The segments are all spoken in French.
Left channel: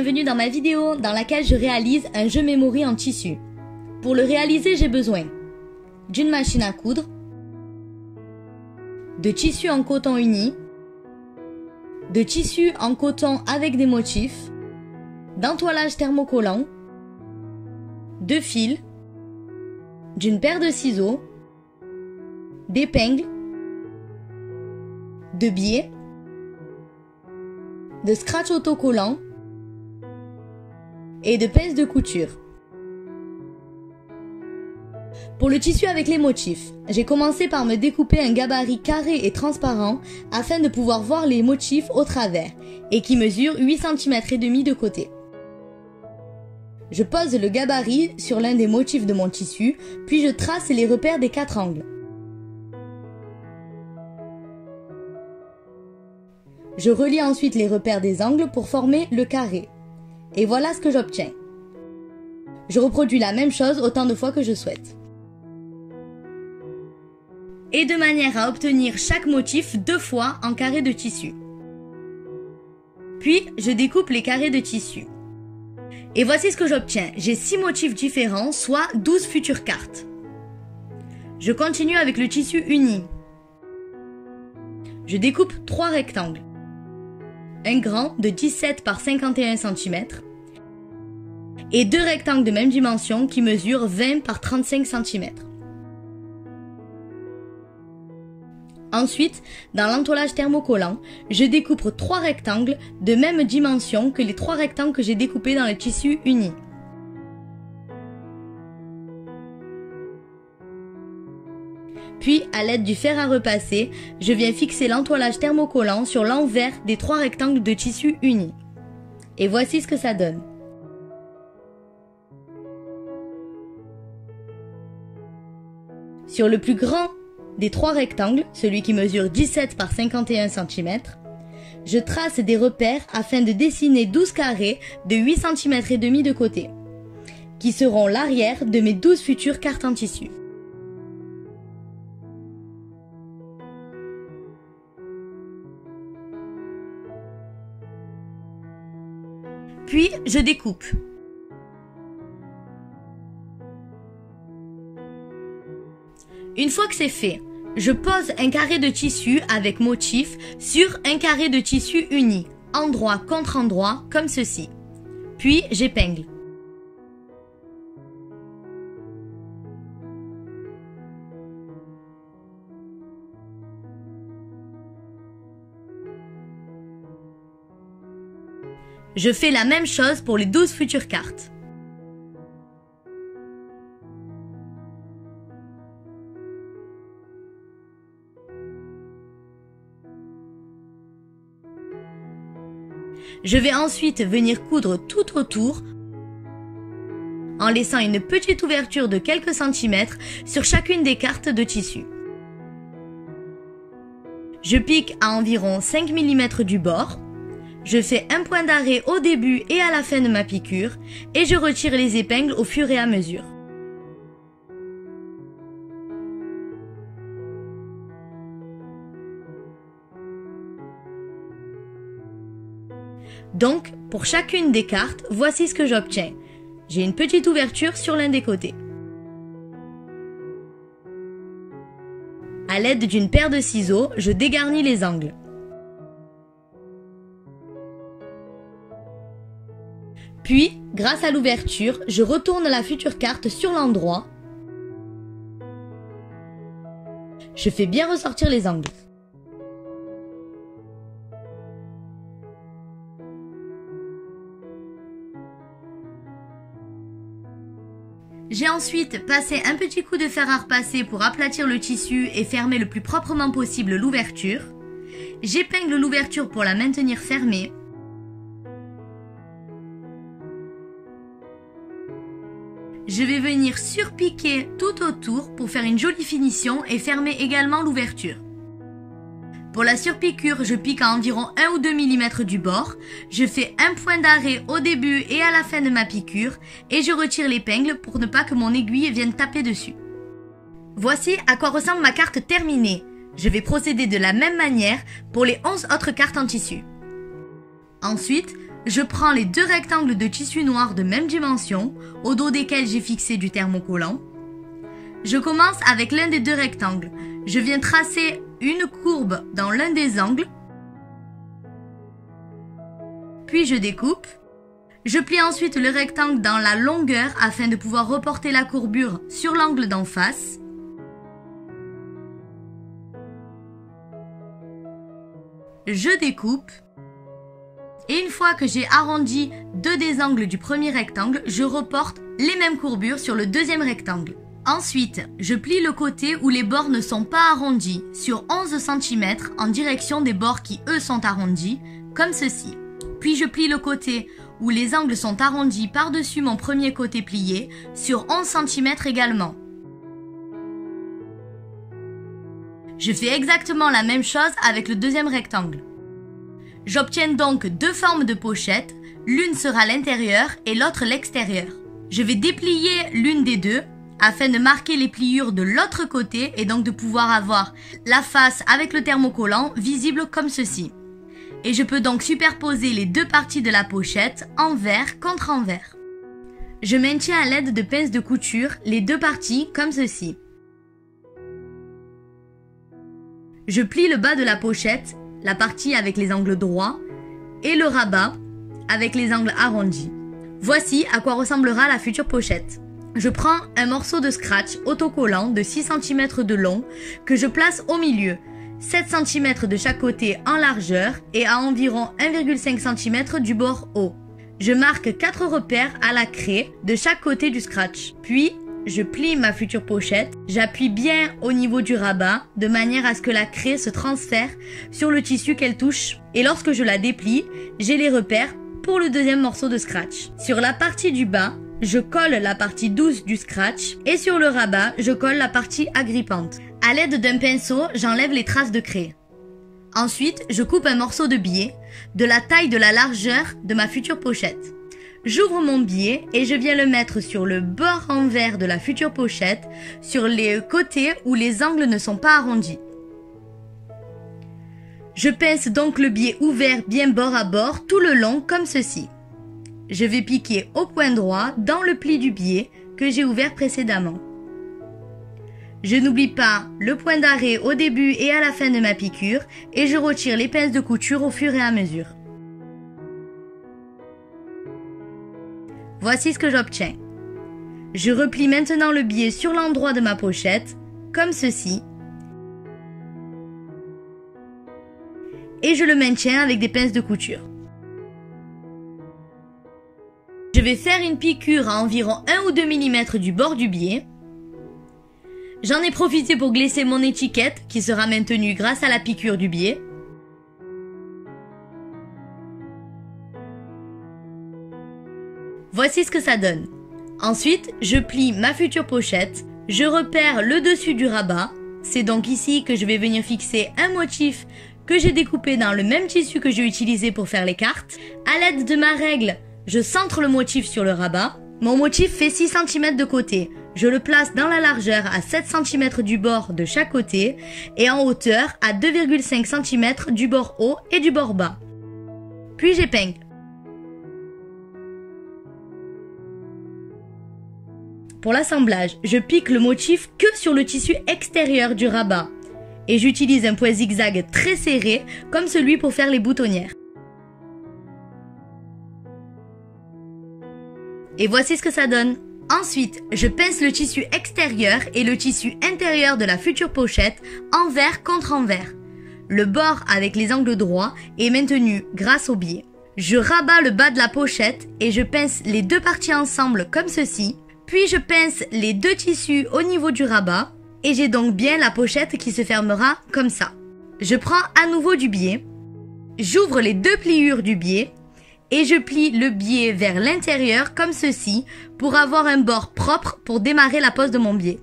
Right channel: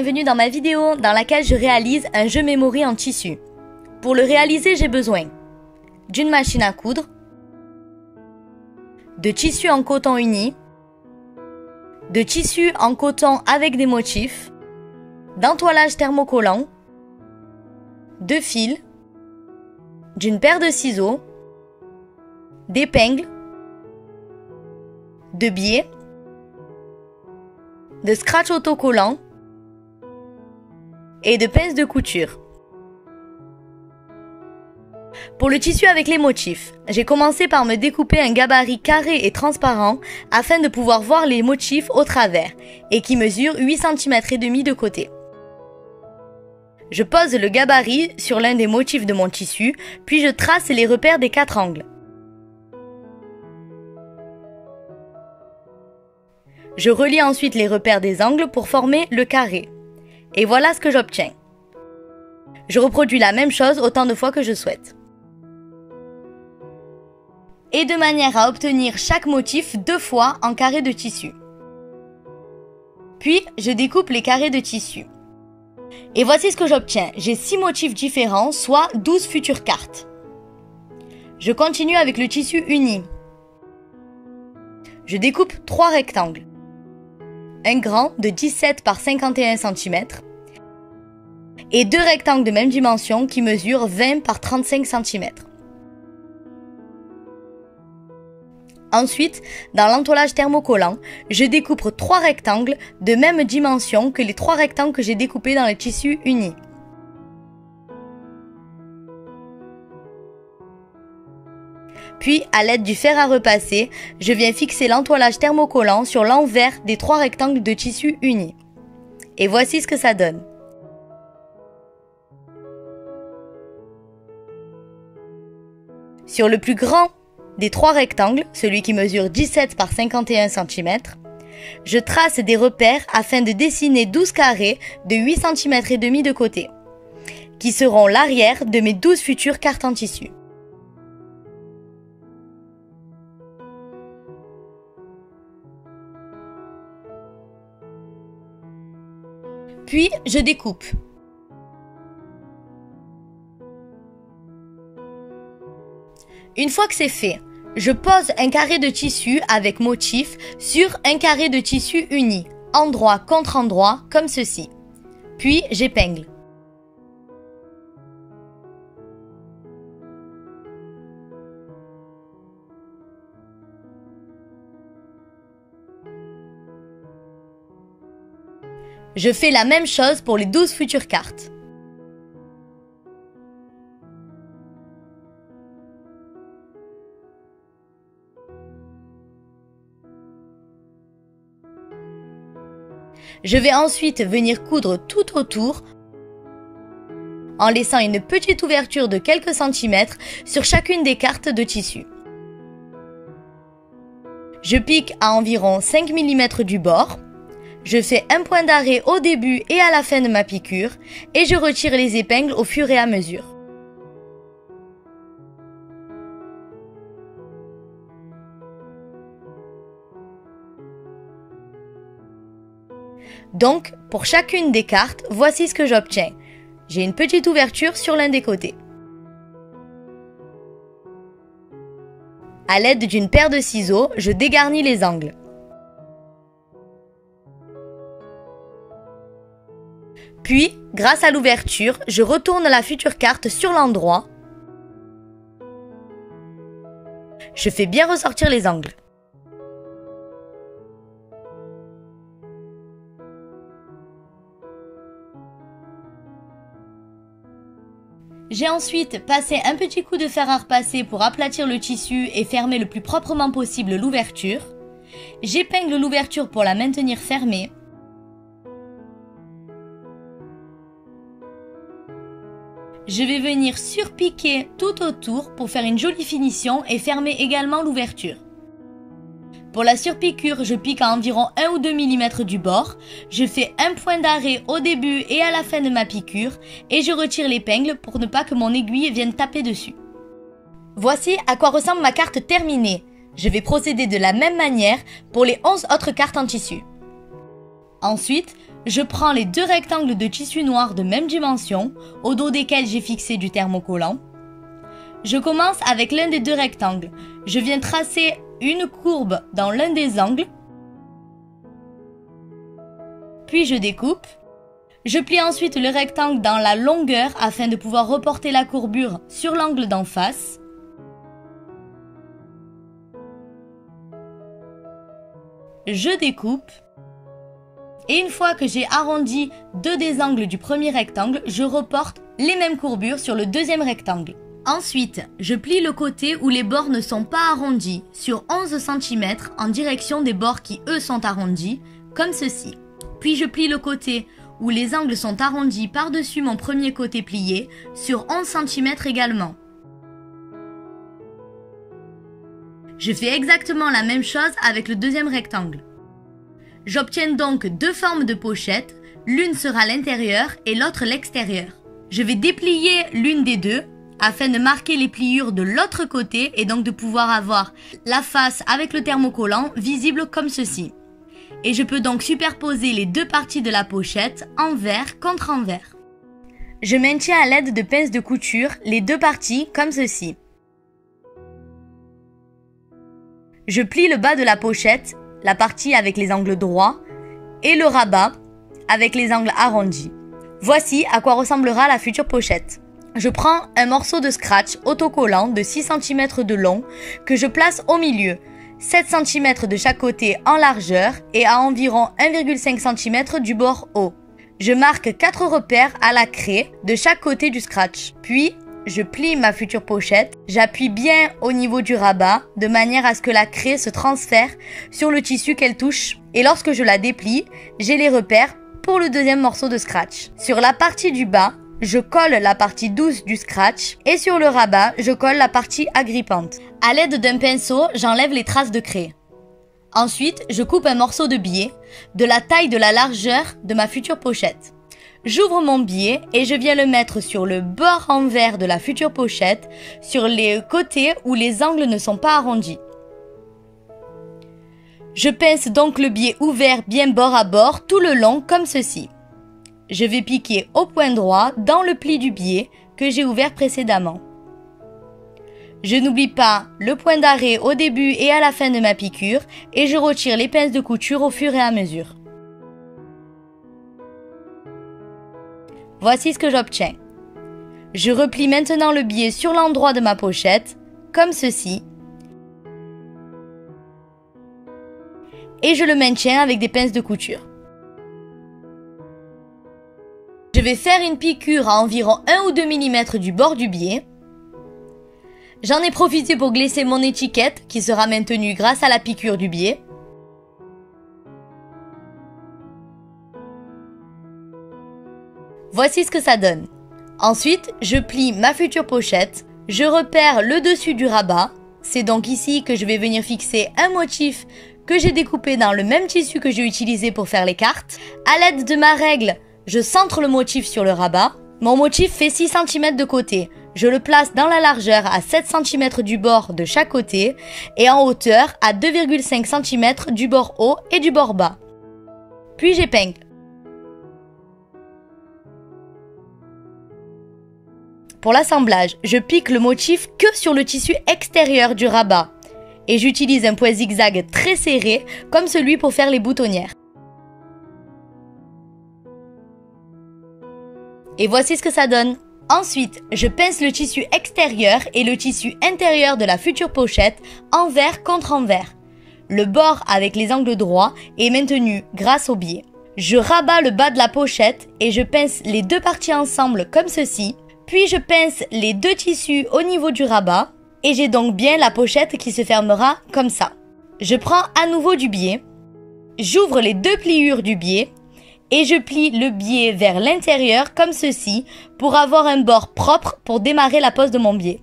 bienvenue dans ma vidéo dans laquelle je réalise un jeu memory en tissu. Pour le réaliser, j'ai besoin d'une machine à coudre, de tissu en coton uni, de tissu en coton avec des motifs, d'entoilage thermocollant, de fil, d'une paire de ciseaux, d'épingles, de biais, de scratch autocollant et de pinces de couture. Pour le tissu avec les motifs, j'ai commencé par me découper un gabarit carré et transparent afin de pouvoir voir les motifs au travers et qui mesure 8 cm et demi de côté. Je pose le gabarit sur l'un des motifs de mon tissu, puis je trace les repères des 4 angles. Je relie ensuite les repères des angles pour former le carré. Et voilà ce que j'obtiens. Je reproduis la même chose autant de fois que je souhaite. Et de manière à obtenir chaque motif 2 fois en carré de tissu. Puis, je découpe les carrés de tissu. Et voici ce que j'obtiens. J'ai 6 motifs différents, soit 12 futures cartes. Je continue avec le tissu uni. Je découpe 3 rectangles. Un grand de 17 par 51 cm et 2 rectangles de même dimension qui mesurent 20 par 35 cm. Ensuite, dans l'entoilage thermocollant, je découpe 3 rectangles de même dimension que les 3 rectangles que j'ai découpés dans le tissu uni. Puis, à l'aide du fer à repasser, je viens fixer l'entoilage thermocollant sur l'envers des 3 rectangles de tissu uni. Et voici ce que ça donne. Sur le plus grand des 3 rectangles, celui qui mesure 17 par 51 cm, je trace des repères afin de dessiner 12 carrés de 8 cm et demi de côté, qui seront l'arrière de mes 12 futures cartes en tissu. Puis, je découpe. Une fois que c'est fait, je pose un carré de tissu avec motif sur un carré de tissu uni, endroit contre endroit, comme ceci. Puis, j'épingle. Je fais la même chose pour les 12 futures cartes. Je vais ensuite venir coudre tout autour en laissant une petite ouverture de quelques centimètres sur chacune des cartes de tissu. Je pique à environ 5 mm du bord. Je fais un point d'arrêt au début et à la fin de ma piqûre et je retire les épingles au fur et à mesure. Donc, pour chacune des cartes, voici ce que j'obtiens. J'ai une petite ouverture sur l'un des côtés. À l'aide d'une paire de ciseaux, je dégarnis les angles. Puis, grâce à l'ouverture, je retourne la future carte sur l'endroit. Je fais bien ressortir les angles. J'ai ensuite passé un petit coup de fer à repasser pour aplatir le tissu et fermer le plus proprement possible l'ouverture. J'épingle l'ouverture pour la maintenir fermée. Je vais venir surpiquer tout autour pour faire une jolie finition et fermer également l'ouverture. Pour la surpiqûre, je pique à environ 1 ou 2 mm du bord. Je fais un point d'arrêt au début et à la fin de ma piqûre et je retire l'épingle pour ne pas que mon aiguille vienne taper dessus. Voici à quoi ressemble ma carte terminée. Je vais procéder de la même manière pour les 11 autres cartes en tissu. Ensuite, Je prends les deux rectangles de tissu noir de même dimension, au dos desquels j'ai fixé du thermocollant. Je commence avec l'un des deux rectangles. Je viens tracer une courbe dans l'un des angles, puis je découpe. Je plie ensuite le rectangle dans la longueur afin de pouvoir reporter la courbure sur l'angle d'en face. Je découpe. Et une fois que j'ai arrondi deux des angles du premier rectangle, je reporte les mêmes courbures sur le deuxième rectangle. Ensuite, je plie le côté où les bords ne sont pas arrondis sur 11 cm en direction des bords qui eux sont arrondis, comme ceci. Puis je plie le côté où les angles sont arrondis par-dessus mon premier côté plié sur 11 cm également. Je fais exactement la même chose avec le deuxième rectangle. J'obtiens donc deux formes de pochette, l'une sera l'intérieur et l'autre l'extérieur. Je vais déplier l'une des deux afin de marquer les pliures de l'autre côté et donc de pouvoir avoir la face avec le thermocollant visible comme ceci. Et je peux donc superposer les deux parties de la pochette envers contre envers. Je maintiens à l'aide de pinces de couture les deux parties comme ceci. Je plie le bas de la pochette, la partie avec les angles droits, et le rabat avec les angles arrondis. Voici à quoi ressemblera la future pochette. Je prends un morceau de scratch autocollant de 6 cm de long que je place au milieu, 7 cm de chaque côté en largeur et à environ 1,5 cm du bord haut. Je marque 4 repères à la craie de chaque côté du scratch. Puis, je plie ma future pochette, j'appuie bien au niveau du rabat de manière à ce que la craie se transfère sur le tissu qu'elle touche. Et lorsque je la déplie, j'ai les repères pour le deuxième morceau de scratch. Sur la partie du bas, je colle la partie douce du scratch et sur le rabat, je colle la partie agrippante. À l'aide d'un pinceau, j'enlève les traces de craie. Ensuite, je coupe un morceau de biais de la taille de la largeur de ma future pochette. J'ouvre mon biais et je viens le mettre sur le bord envers de la future pochette, sur les côtés où les angles ne sont pas arrondis. Je pince donc le biais ouvert bien bord à bord tout le long comme ceci. Je vais piquer au point droit dans le pli du biais que j'ai ouvert précédemment. Je n'oublie pas le point d'arrêt au début et à la fin de ma piqûre et je retire les pinces de couture au fur et à mesure. Voici ce que j'obtiens. Je replie maintenant le biais sur l'endroit de ma pochette, comme ceci. Et je le maintiens avec des pinces de couture. Je vais faire une piqûre à environ 1 ou 2 mm du bord du biais. J'en ai profité pour glisser mon étiquette qui sera maintenue grâce à la piqûre du biais. Voici ce que ça donne. Ensuite, je plie ma future pochette, je repère le dessus du rabat. C'est donc ici que je vais venir fixer un motif que j'ai découpé dans le même tissu que j'ai utilisé pour faire les cartes. À l'aide de ma règle, je centre le motif sur le rabat. Mon motif fait 6 cm de côté. Je le place dans la largeur à 7 cm du bord de chaque côté et en hauteur à 2,5 cm du bord haut et du bord bas. Puis j'épingle. Pour l'assemblage, je pique le motif que sur le tissu extérieur du rabat et j'utilise un point zigzag très serré comme celui pour faire les boutonnières. Et voici ce que ça donne. Ensuite, je pince le tissu extérieur et le tissu intérieur de la future pochette envers contre envers. Le bord avec les angles droits est maintenu grâce au biais. Je rabats le bas de la pochette et je pince les deux parties ensemble comme ceci. Puis je pince les deux tissus au niveau du rabat et j'ai donc bien la pochette qui se fermera comme ça. Je prends à nouveau du biais, j'ouvre les deux pliures du biais et je plie le biais vers l'intérieur comme ceci pour avoir un bord propre pour démarrer la pose de mon biais.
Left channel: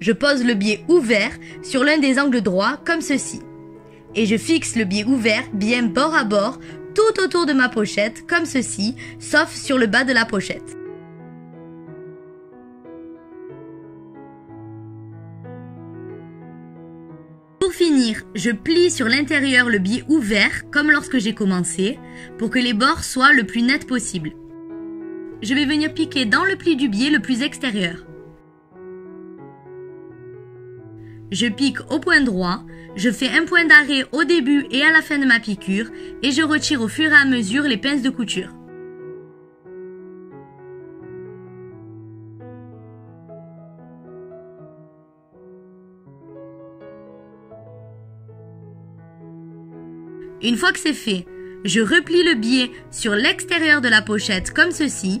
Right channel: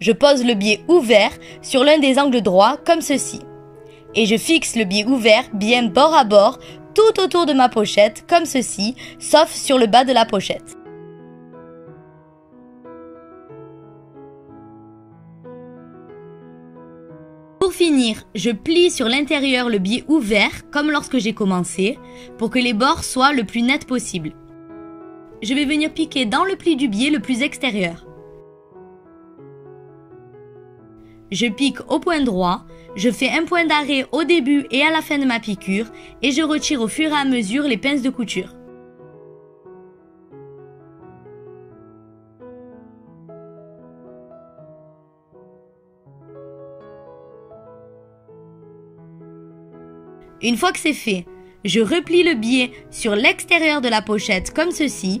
Je pose le biais ouvert sur l'un des angles droits comme ceci. Et je fixe le biais ouvert bien bord à bord tout autour de ma pochette comme ceci, sauf sur le bas de la pochette. Pour finir, je plie sur l'intérieur le biais ouvert comme lorsque j'ai commencé pour que les bords soient le plus nets possible. Je vais venir piquer dans le pli du biais le plus extérieur. Je pique au point droit, je fais un point d'arrêt au début et à la fin de ma piqûre et je retire au fur et à mesure les pinces de couture. Une fois que c'est fait, je replie le biais sur l'extérieur de la pochette comme ceci.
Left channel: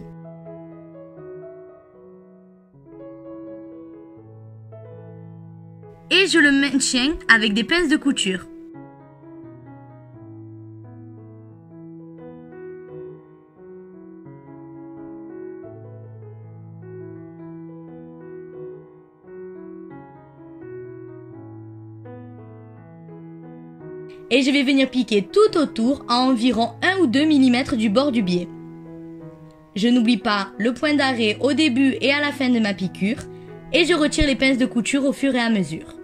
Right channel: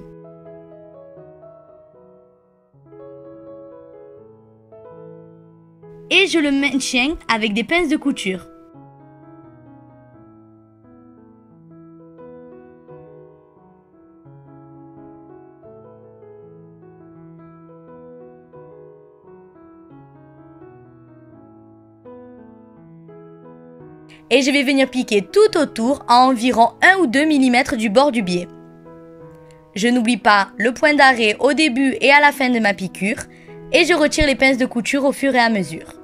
Et je le maintiens avec des pinces de couture. Et je vais venir piquer tout autour à environ 1 ou 2 mm du bord du biais. Je n'oublie pas le point d'arrêt au début et à la fin de ma piqûre et je retire les pinces de couture au fur et à mesure.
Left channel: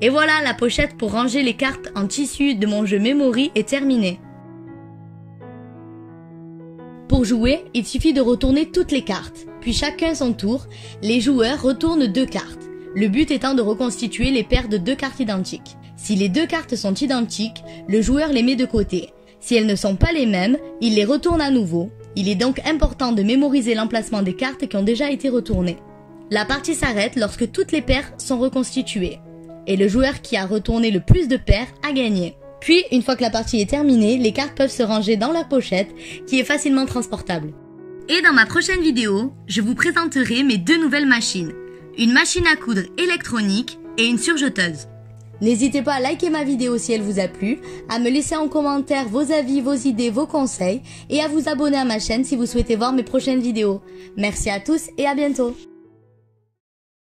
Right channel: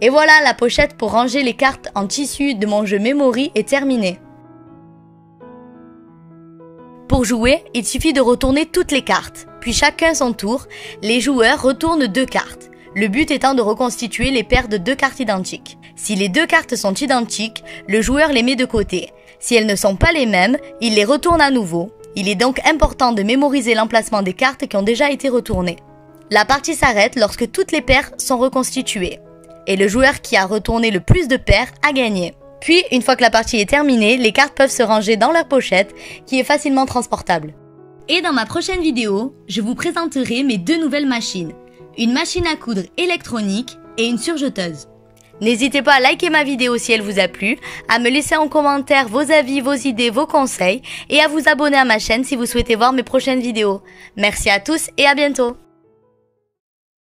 Et voilà, la pochette pour ranger les cartes en tissu de mon jeu Memory est terminée. Pour jouer, il suffit de retourner toutes les cartes, puis chacun son tour, les joueurs retournent 2 cartes, le but étant de reconstituer les paires de 2 cartes identiques. Si les 2 cartes sont identiques, le joueur les met de côté. Si elles ne sont pas les mêmes, il les retourne à nouveau. Il est donc important de mémoriser l'emplacement des cartes qui ont déjà été retournées. La partie s'arrête lorsque toutes les paires sont reconstituées. Et le joueur qui a retourné le plus de paires a gagné. Puis, une fois que la partie est terminée, les cartes peuvent se ranger dans leur pochette, qui est facilement transportable. Et dans ma prochaine vidéo, je vous présenterai mes 2 nouvelles machines. Une machine à coudre électronique et une surjeteuse. N'hésitez pas à liker ma vidéo si elle vous a plu, à me laisser en commentaire vos avis, vos idées, vos conseils, et à vous abonner à ma chaîne si vous souhaitez voir mes prochaines vidéos. Merci à tous et à bientôt.